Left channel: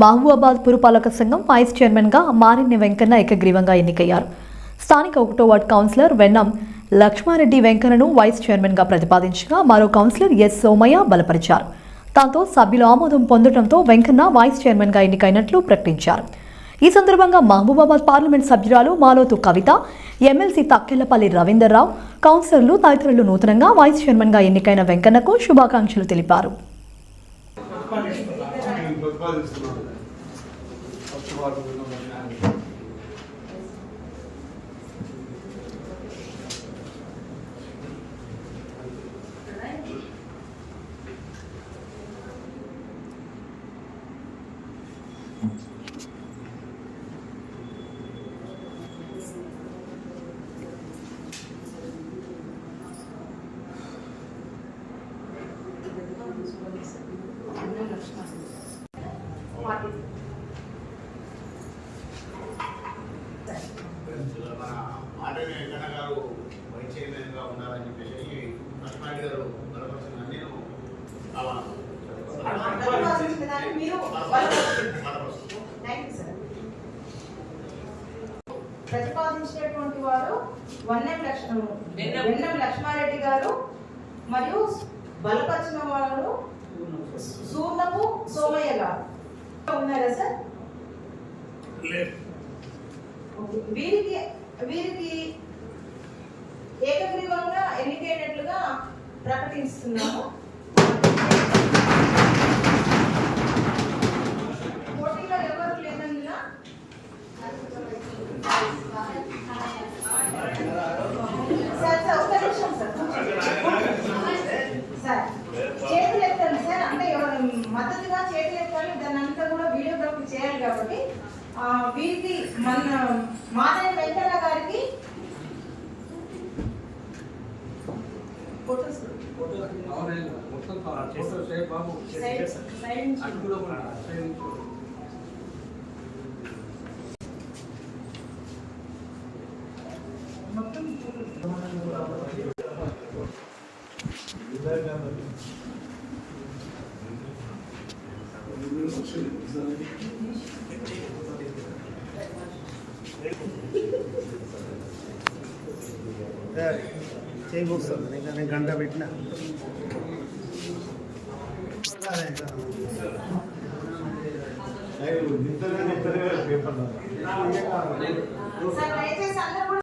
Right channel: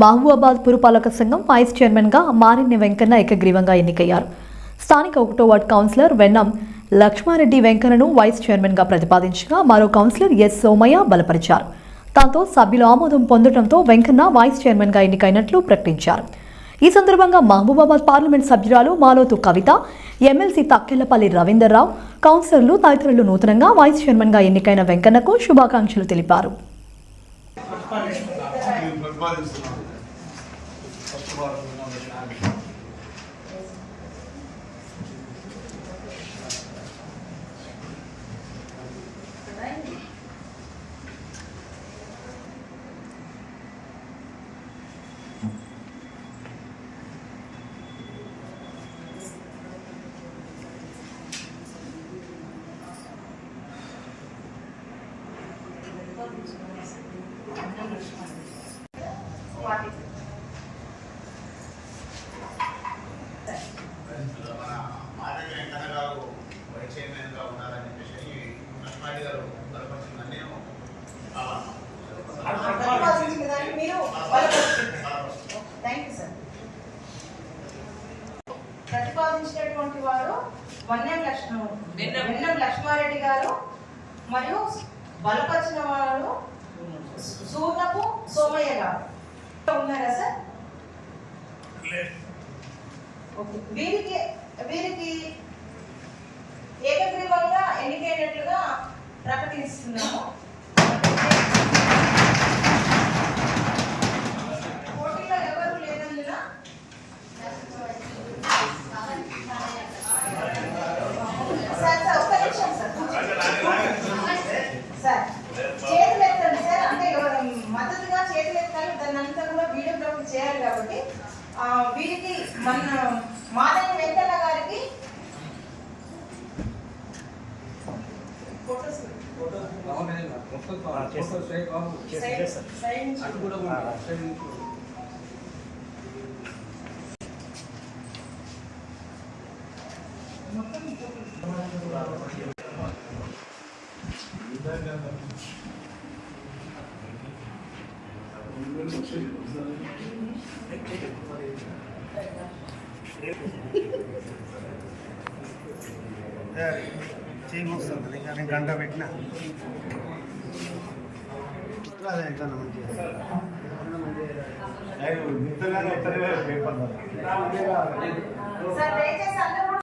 మహబూబాబాద్ పురపాలక సంఘం వైస్ చైర్మన్గా మారిన్ని వెంకన్న ఏకగ్రీవంగా ఎన్నికయ్యారు. స్థానిక 1వ వార్డు కౌన్సిలర్ వెన్నం లక్ష్మారెడ్డి వెంకన్నను వైస్ చైర్మన్గా ప్రతిపాదించగా మరో కౌన్సిలర్ ఎస్ సోమయ్య బలపరిచారు. దాంతో సభ్యుల ఆమోదం పొందడంతో వెంకన్న వైస్ చైర్మన్గా ఎన్నికైనట్లు ప్రకటించారు. ఈ సందర్భంగా మహబూబాబాద్ పార్లమెంట్ సభ్యురాలు మాలోతు కవిత, ఎమ్మెల్సీ తక్కెళ్లపల్లి రవీందర్రావు, కౌన్సిలర్లు తదితరులు నూతనంగా వైస్ చైర్మన్గా ఎన్నికైన వెంకన్నకు శుభాకాంక్షలు తెలిపారు. ప్రతిపాదించినటువంటి వారు వెన్నం లక్ష్మారెడ్డి గారు మరియు బలపరిచిన వారు సూర్ణపు సోమయ్య గారు ఉన్నారా సార్? వీరికి ఏకగ్రీవంగా ఎన్నికైనట్లుగా ప్రకటిస్తున్నాము. పోటీలో ఎవరు లేనందున సార్ చేతులు ఎత్తండి సార్, అంటే మద్దతుగా చేతులు ఎత్తాలి, దాన్ని అంతా కూడా వీడియోగ్రఫీ చేయాలి. కాబట్టి వీరికి మన మాధవి వెంకన్న గారికి చేయమొస్తుంది కానీ గంట పెట్టిన పేపర్